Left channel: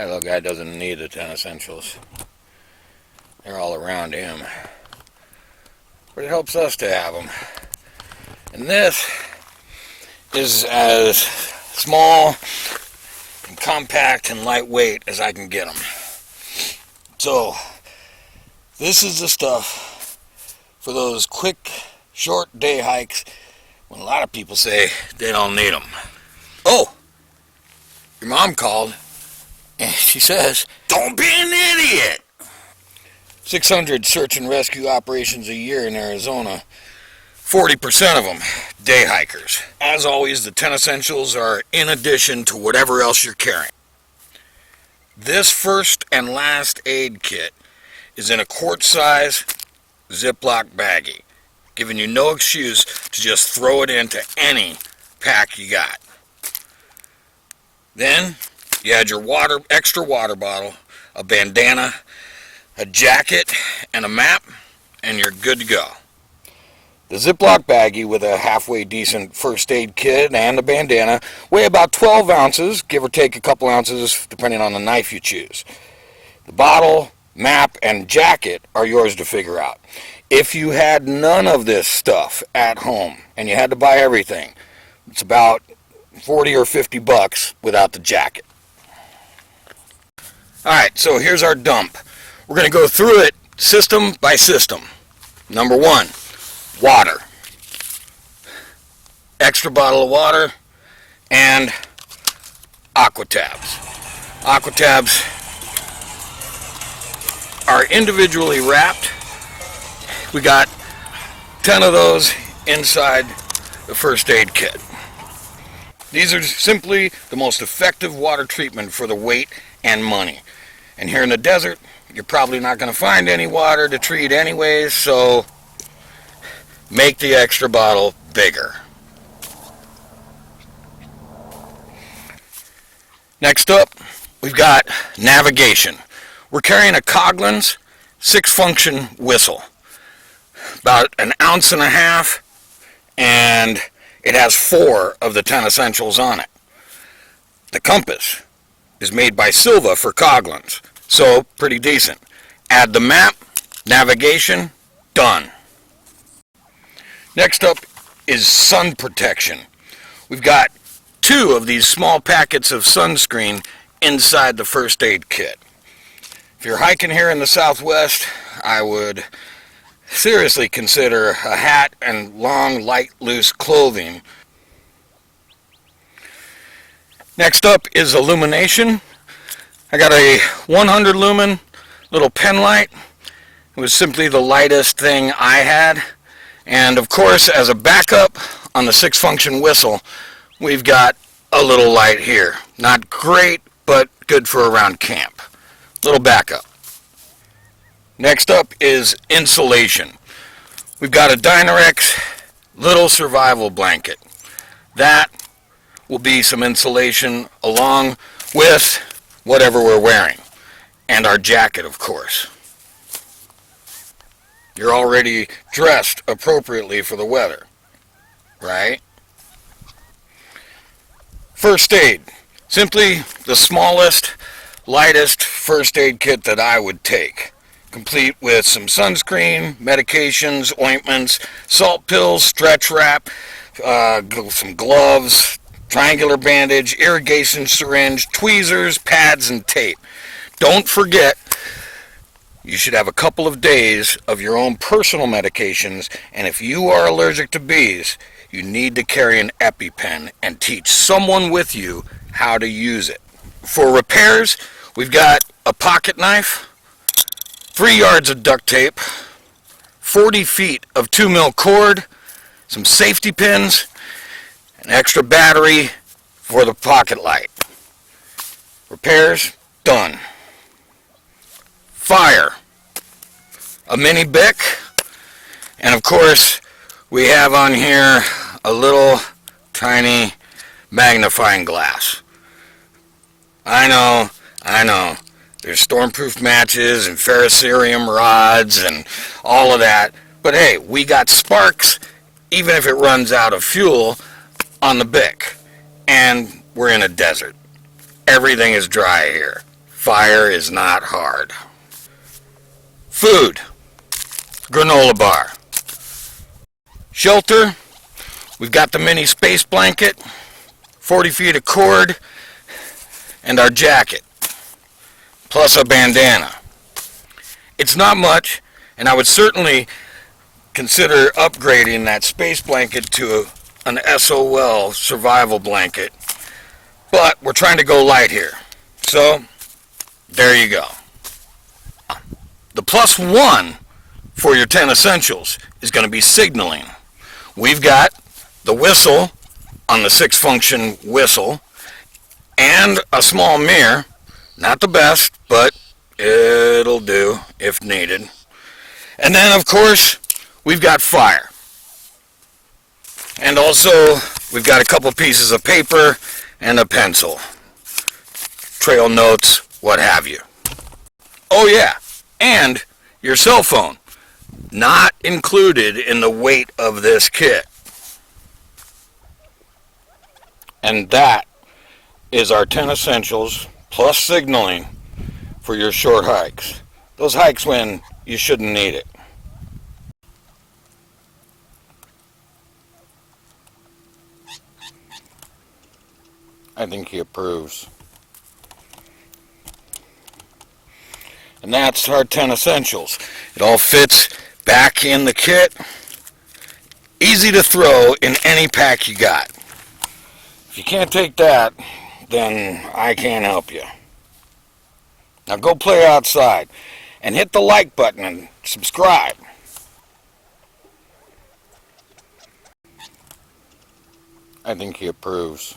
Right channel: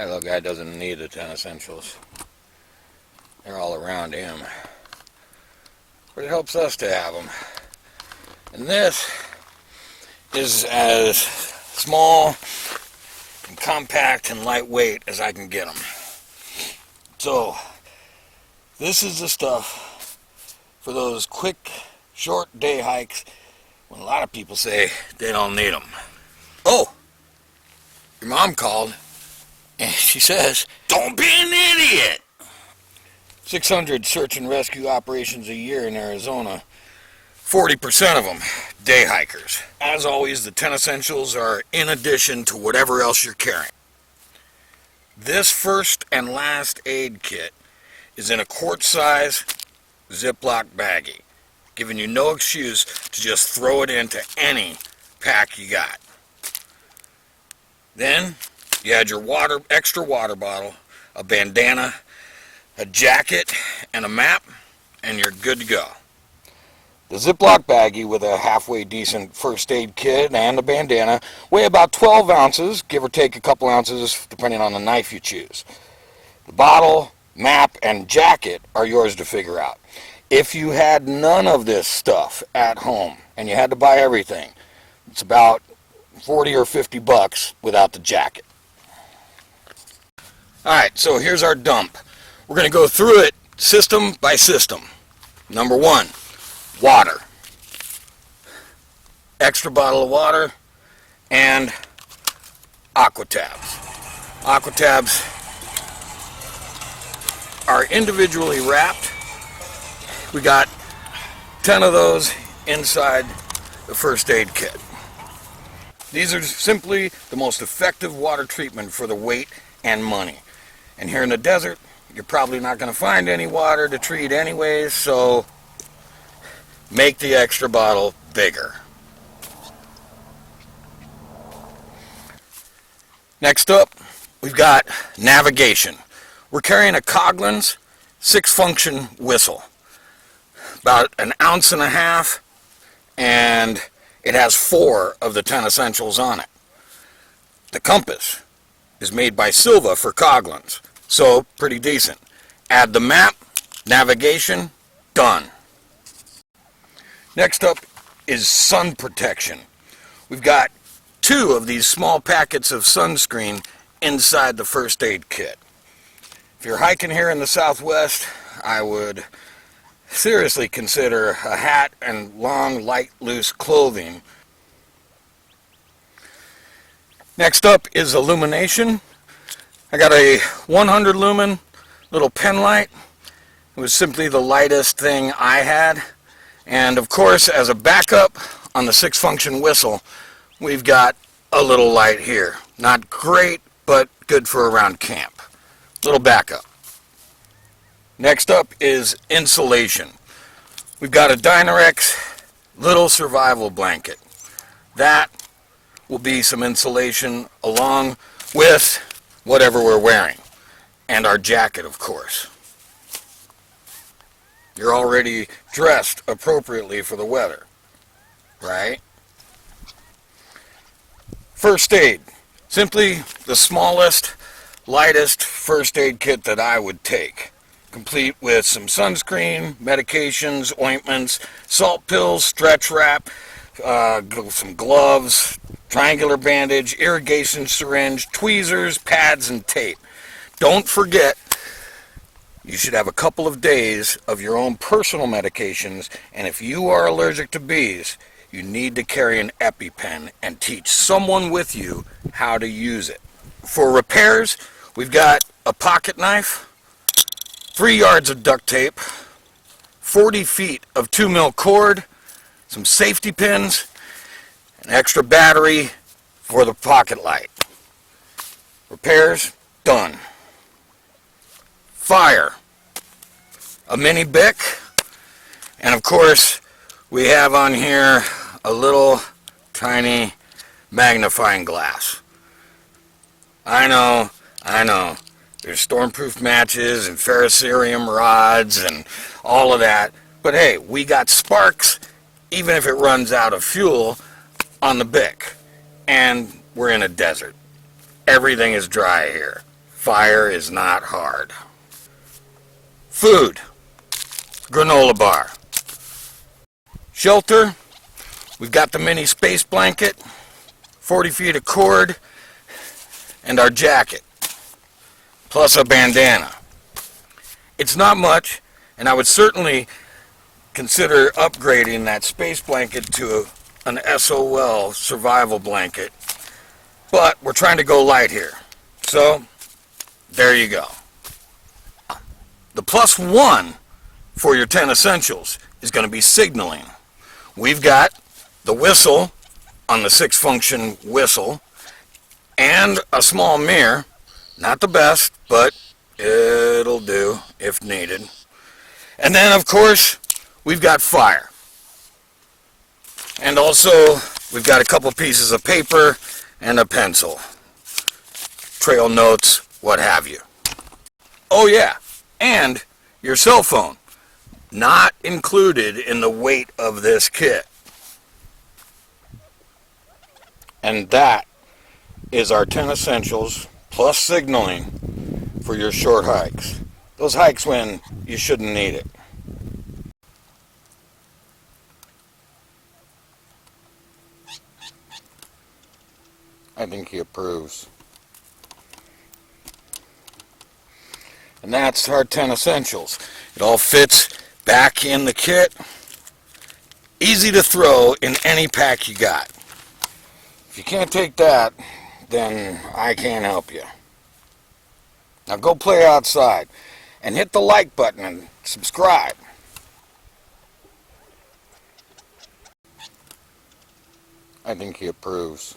That little guy doesn't need the 10 essentials. They're all around him. But it helps us to have them. And this is as small and compact and lightweight as I can get them. So, this is the stuff for those quick, short day hikes when a lot of people say they don't need them. Oh, your mom called and she says, "Don't be an idiot." 600 search and rescue operations a year in Arizona. 40% of them day hikers. As always, the 10 essentials are in addition to whatever else you're carrying. This first and last aid kit is in a quart-size Ziploc baggie, giving you no excuse to just throw it into any pack you got. Then you add your extra water bottle, a bandana, a jacket, and a map, and you're good to go. The Ziploc baggie with a halfway decent first aid kit and a bandana weigh about 12 ounces, give or take a couple ounces depending on the knife you choose. The bottle, map, and jacket are yours to figure out. If you had none of this stuff at home and you had to buy everything, it's about 40 or 50 bucks without the jacket. Alright, so here's our dump. We're going to go through it system by system. Number 1, water. Extra bottle of water and aqua tabs. Aqua tabs are individually wrapped. We got 10 of those inside the first aid kit. These are simply the most effective water treatment for the weight and money. And here in the desert, you're probably not going to find any water to treat anyways, so make the extra bottle bigger. Next up, we've got navigation. We're carrying a Coughlin's 6-function whistle. About 1.5 ounces, and it has 4 of the 10 essentials on it. The compass is made by Silva for Coughlin's, so pretty decent. Add the map, navigation, done. Next up is sun protection. We've got 2 of these small packets of sunscreen inside the first aid kit. If you're hiking here in the Southwest, I would seriously consider a hat and long, light, loose clothing. Next up is illumination. I got a 100 lumen little pen light. It was simply the lightest thing I had. And of course, as a backup on the 6-function whistle, we've got a little light here. Not great, but good for around camp. Little backup. Next up is insulation. We've got a Dynarex little survival blanket. That will be some insulation along with whatever we're wearing. And our jacket, of course. You're already dressed appropriately for the weather, right? First aid. Simply the smallest, lightest first aid kit that I would take. Complete with some sunscreen, medications, ointments, salt pills, stretch wrap, some gloves, triangular bandage, irrigation syringe, tweezers, pads, and tape. Don't forget, you should have a couple of days of your own personal medications, and if you are allergic to bees, you need to carry an EpiPen and teach someone with you how to use it. For repairs, we've got a pocket knife, 3 yards of duct tape, 40 feet of 2mm cord, some safety pins, an extra battery for the pocket light. Repairs, done. Fire, a mini Bic, and of course we have on here a little tiny magnifying glass. I know, there's stormproof matches and ferrocerium rods and all of that, but hey, we got sparks even if it runs out of fuel on the Bic, and we're in a desert. Everything is dry here. Fire is not hard. Food, granola bar. Shelter, we've got the mini space blanket, 40 feet of cord, and our jacket, plus a bandana. It's not much, and I would certainly consider upgrading that space blanket to an SOL survival blanket, but we're trying to go light here. So, there you go. The plus one for your 10 essentials is going to be signaling. We've got the whistle on the 6-function whistle and a small mirror. Not the best, but it'll do if needed. And then, of course, we've got fire. And also, we've got a couple pieces of paper and a pencil. Trail notes, what have you. Oh yeah, and your cell phone. Not included in the weight of this kit. And that is our 10 essentials plus signaling for your short hikes. Those hikes when you shouldn't need it. I think he approves. And that's our 10 essentials. It all fits back in the kit. Easy to throw in any pack you got. If you can't take that, then I can't help you. Now go play outside and hit the like button and subscribe. I think he approves.